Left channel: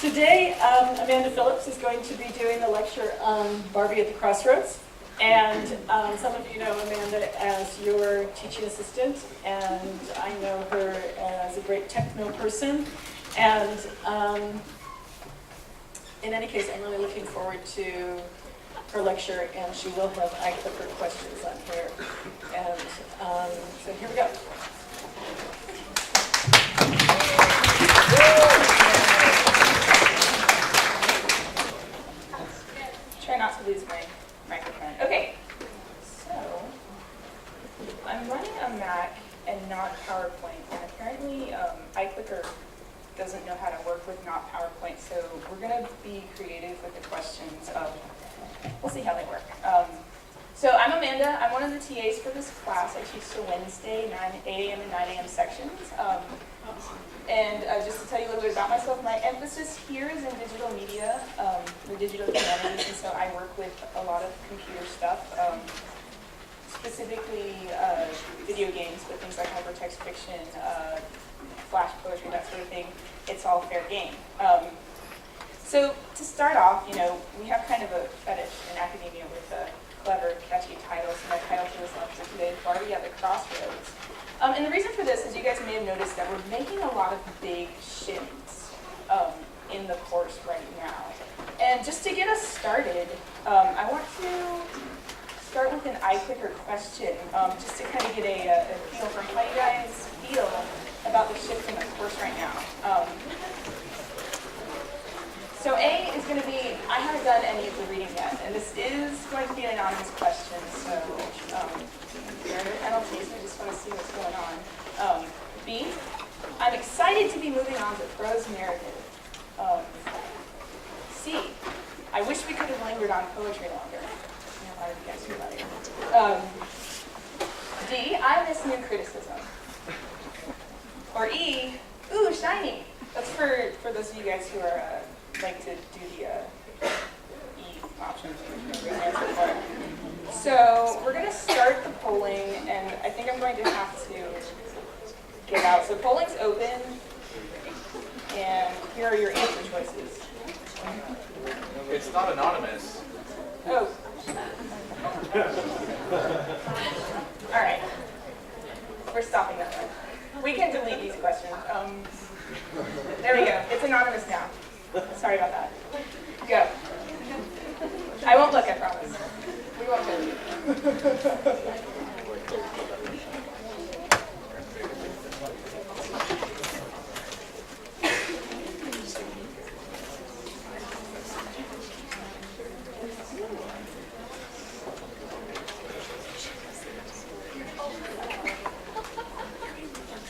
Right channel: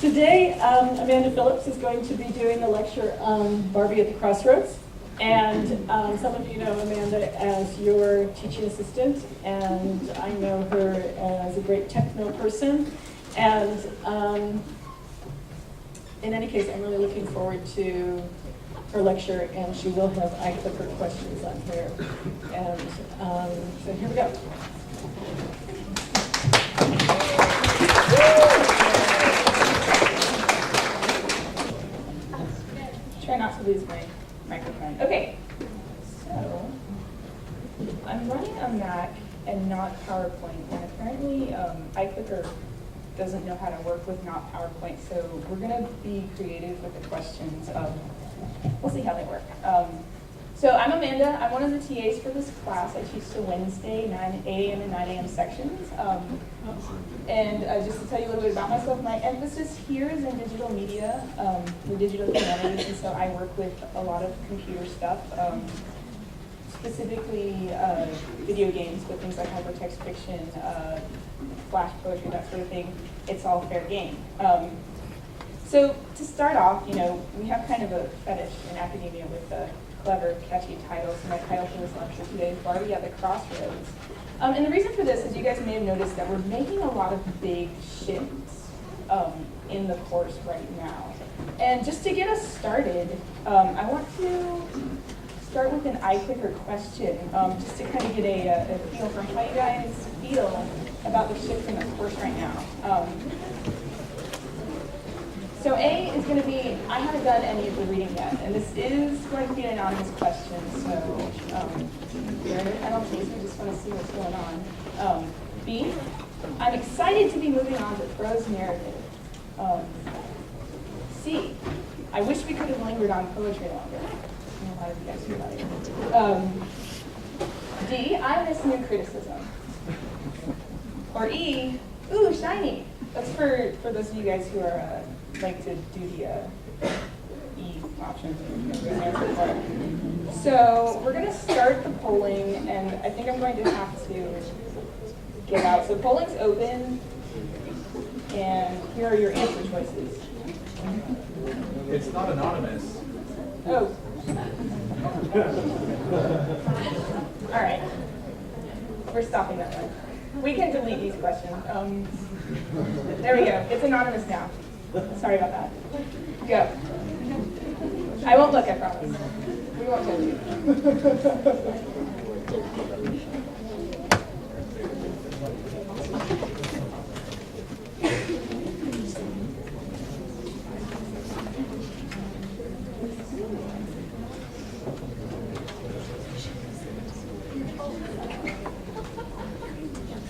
Today, Amanda Phillips is going to be doing the lecture on Barbie at the Crossroads. And some of you know Amanda as your teaching assistant, and I know her as a great techno person. And in any case, I'm really looking forward to her lecture, and she will have iclicker questions on here. And so here we go. Try not to lose my microphone. Okay, so I'm running a Mac and not PowerPoint, and apparently iclicker doesn't know how to work with not PowerPoint, so we're going to be creative with the questions. We'll see how they work. So I'm Amanda. I'm one of the TAs for this class. I teach the Wednesday 8 a.m. and 9 a.m. sections. And just to tell you a little bit about myself, my emphasis here is in digital media, the digital humanities, and so I work with a lot of computer stuff, specifically video games, but things like hypertext fiction, flash poetry, that sort of thing. It's all fair game. So to start off, you know, we have kind of a fetish in academia with clever, catchy titles. So my title for this lecture today is Barbie at the Crossroads. And the reason for this is you guys may have noticed that we're making a lot of big shifts in the course right now. And just to get us started, I want to start with an iclicker question, just to kind of get a feel for how you guys feel about the shift in the course right now. So A is going to be, I haven't done any of the reading yet, and this is going to be an anonymous question, so there are no penalties, I just want to see what's going on. B, I'm excited to be moving on to prose narrative. C, I wish we could have lingered on poetry longer. I know a lot of you guys feel about it. D, I miss new criticism. Or E, ooh, shiny. That's for those of you guys who are like to do the E option. So we're going to start the polling, and I think I'm going to have to get out. So polling's open, and here are your answer choices. It's not anonymous. Oh. All right. We're stopping that one. We can delete these questions. There we go. It's anonymous now. Sorry about that. Go. I won't look, I promise. We won't judge you.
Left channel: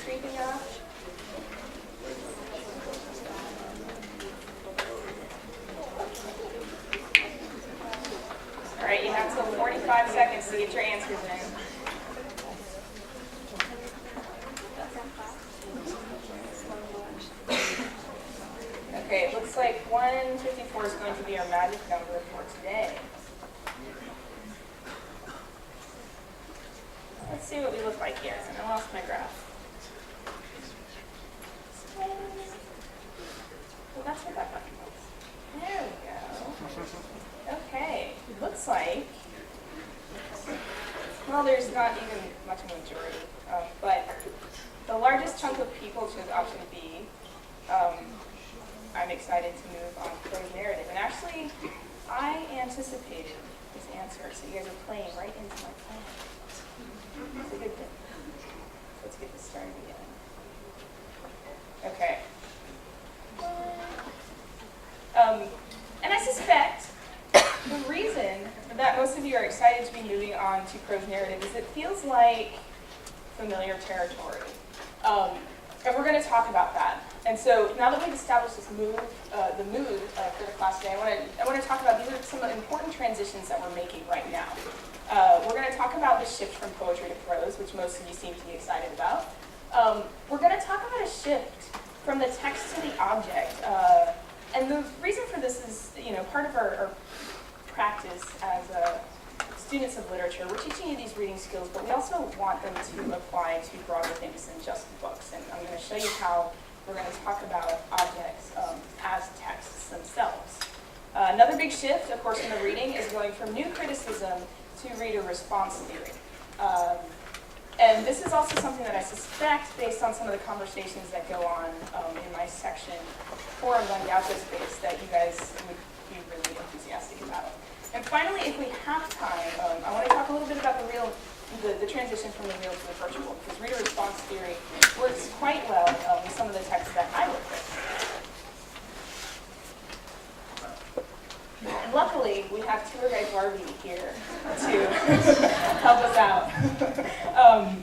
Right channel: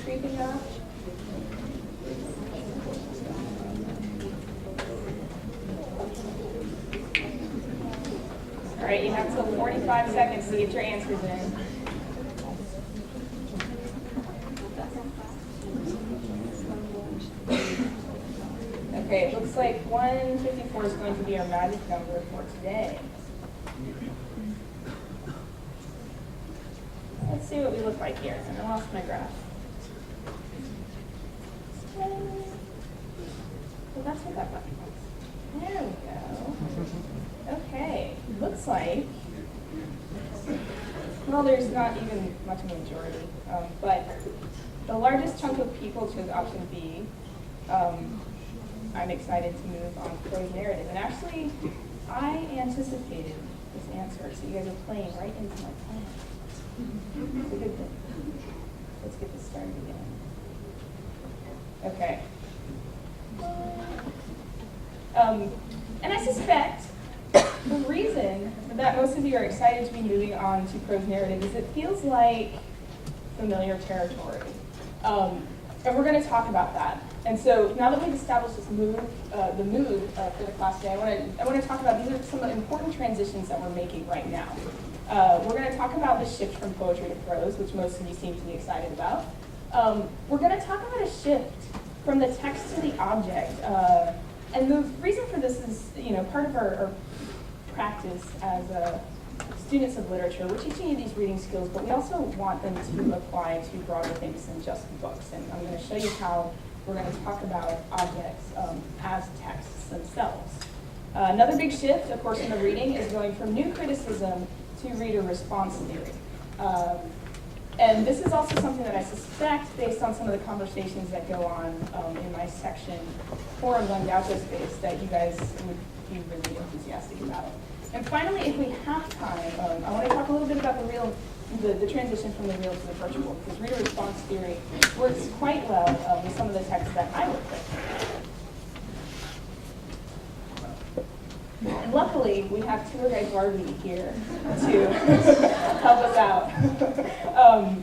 Creeping up. All right, you have till 45 seconds to get your answers in. Okay, it looks like 154 is going to be our magic number for today. Let's see what we look like here, and I lost my graph. Well, that's what that button was. There we go. Okay, looks like, well, there's not even much of a majority, but the largest chunk of people chose option B. I'm excited to move on to prose narrative, and actually, I anticipated this answer, so you guys are playing right into my plan. It's a good thing. Let's get this started again. Okay. And I suspect the reason that most of you are excited to be moving on to prose narrative is it feels like familiar territory. And we're going to talk about that. And so now that we've established this mood, the mood for the class today, I want to talk about, these are some important transitions that we're making right now. We're going to talk about the shift from poetry to prose, which most of you seem to be excited about. We're going to talk about a shift from the text to the object. And the reason for this is, part of our practice as students of literature. We're teaching you these reading skills, but we also want them to apply to broader things than just books. And I'm going to show you how we're going to talk about objects as texts themselves. Another big shift, of course, in the reading is going from new criticism to reader response theory. And this is also something that I suspect, based on some of the conversations that go on in my section forums on Gaucho Space, that you guys would be really enthusiastic about. And finally, if we have time, I want to talk a little bit about the transition from the real to the virtual, because reader response theory works quite well with some of the texts that I work with. And luckily, we have tour guide Barbie here to help us out.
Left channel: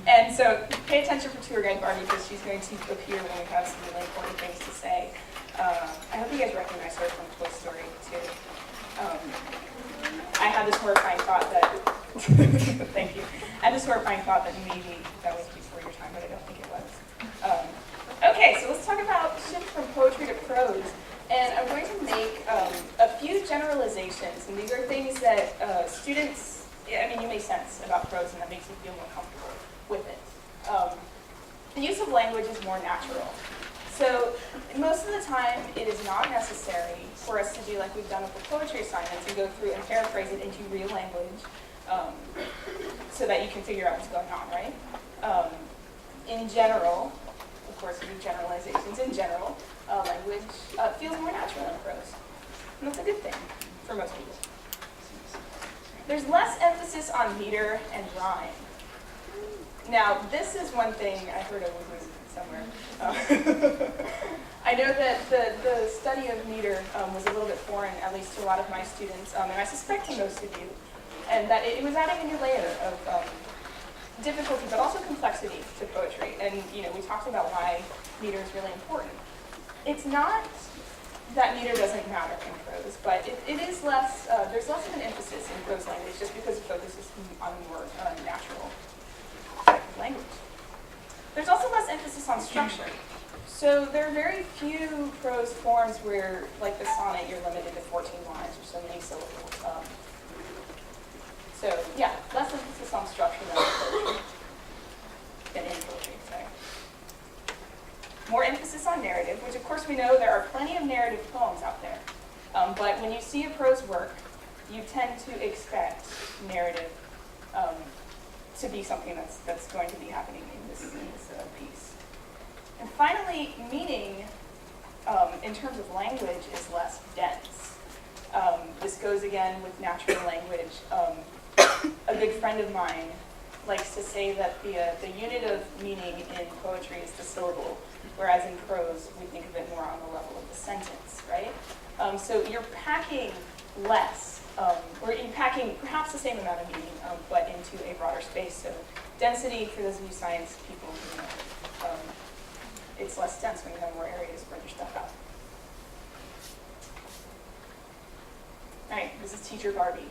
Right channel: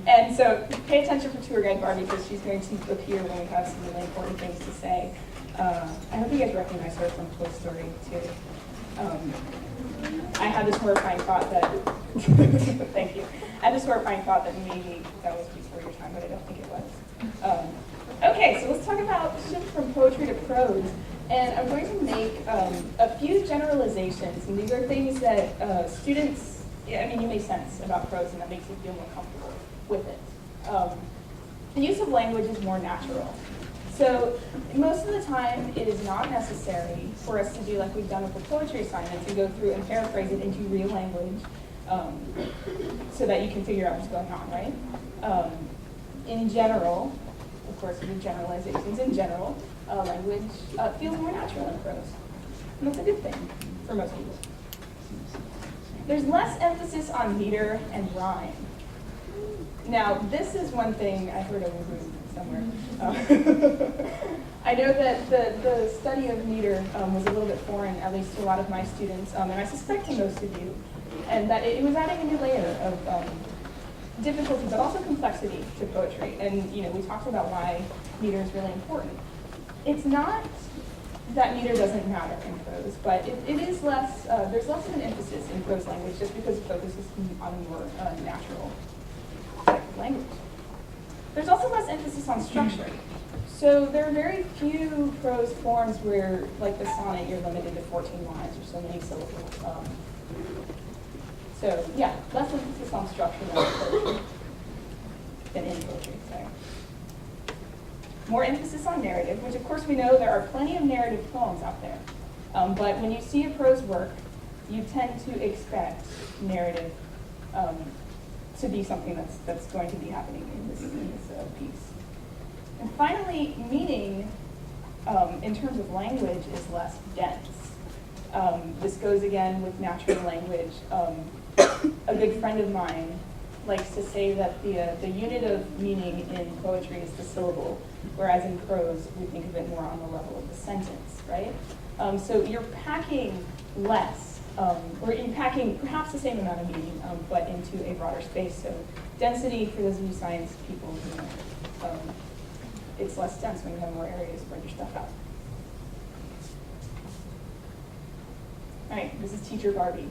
And so pay attention for tour guide Barbie, because she's going to appear when we have some really important things to say. I hope you guys recognize her from Toy Story 2. I had this horrifying thought that, thank you. I had this horrifying thought that maybe that was before your time, but I don't think it was. Okay, so let's talk about shift from poetry to prose. And I'm going to make a few generalizations, and these are things that students, you may sense about prose, and that makes you feel more comfortable with it. The use of language is more natural. So most of the time, it is not necessary for us to do like we've done with the poetry assignments and go through and paraphrase it into real language so that you can figure out what's going on, right? In general, of course, with generalizations, in general, language feels more natural in prose. And that's a good thing for most people. There's less emphasis on meter and rhyme. Now, this is one thing I heard of somewhere. I know that the study of meter was a little bit foreign, at least to a lot of my students, and I suspect to most of you, and that it was adding a new layer of difficulty, but also complexity to poetry. And we talked about why meter is really important. It's not that meter doesn't matter in prose, but it is less. There's less of an emphasis in prose language just because it focuses on more natural language. There's also less emphasis on structure. So there are very few prose forms where, like the sonnet, you're limited to 14 lines or so many syllables. So yeah, less emphasis on structure than in poetry, sorry. More emphasis on narrative, which of course we know there are plenty of narrative poems out there. But when you see a prose work, you tend to expect narrative to be something that's going to be happening in this piece. And finally, meaning, in terms of language, is less dense. This goes again with natural language. A good friend of mine likes to say that the unit of meaning in poetry is the syllable, whereas in prose, we think of it more on the level of the sentence, right? So you're packing less, or you're packing perhaps the same amount of meaning, but into a broader space. So density, for those of you science people, it's less dense when you have more areas to spread your stuff out. All right, this is teacher Barbie.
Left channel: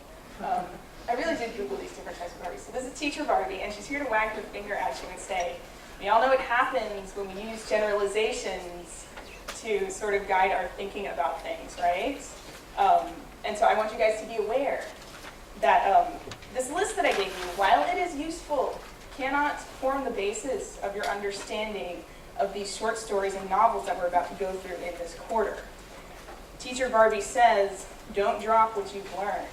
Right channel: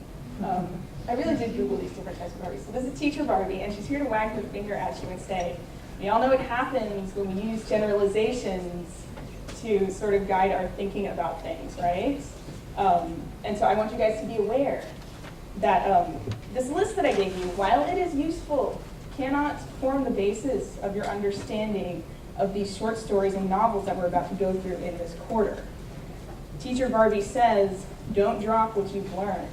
I really did Google these different types of Barbies. So this is teacher Barbie, and she's here to wag her finger at you and say, we all know what happens when we use generalizations to sort of guide our thinking about things, right? And so I want you guys to be aware that this list that I gave you, while it is useful, cannot form the basis of your understanding of these short stories and novels that we're about to go through in this quarter. Teacher Barbie says, don't drop what you've learned.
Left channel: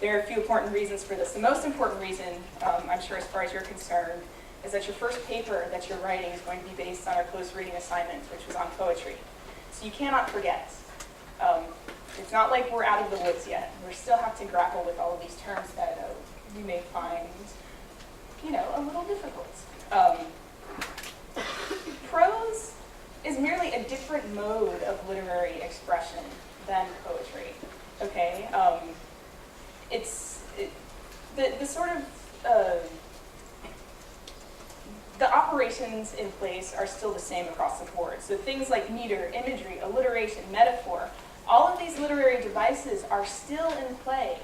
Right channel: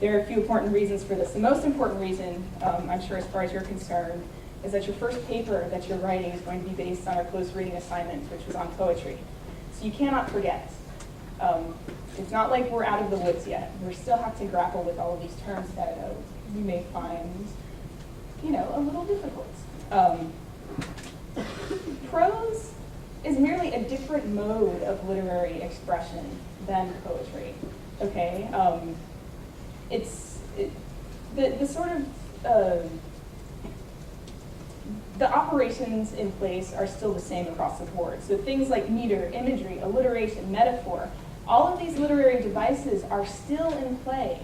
There are a few important reasons for this. The most important reason, I'm sure as far as you're concerned, is that your first paper that you're writing is going to be based on our close reading assignment, which was on poetry. So you cannot forget. It's not like we're out of the woods yet. We still have to grapple with all of these terms that you may find, a little difficult. Prose is merely a different mode of literary expression than poetry. Okay, the sort of the operations in place are still the same across the board. So things like meter, imagery, alliteration, metaphor, all of these literary devices are still in play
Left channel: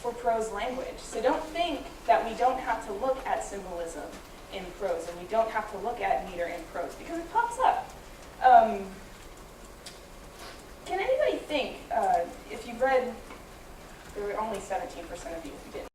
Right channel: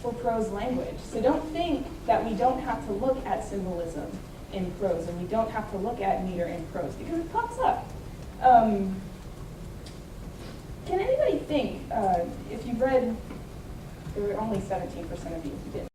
for prose language. So don't think that we don't have to look at symbolism in prose and we don't have to look at meter in prose because it pops up. Can anybody think, if you've read, there were only 17% of you who didn't.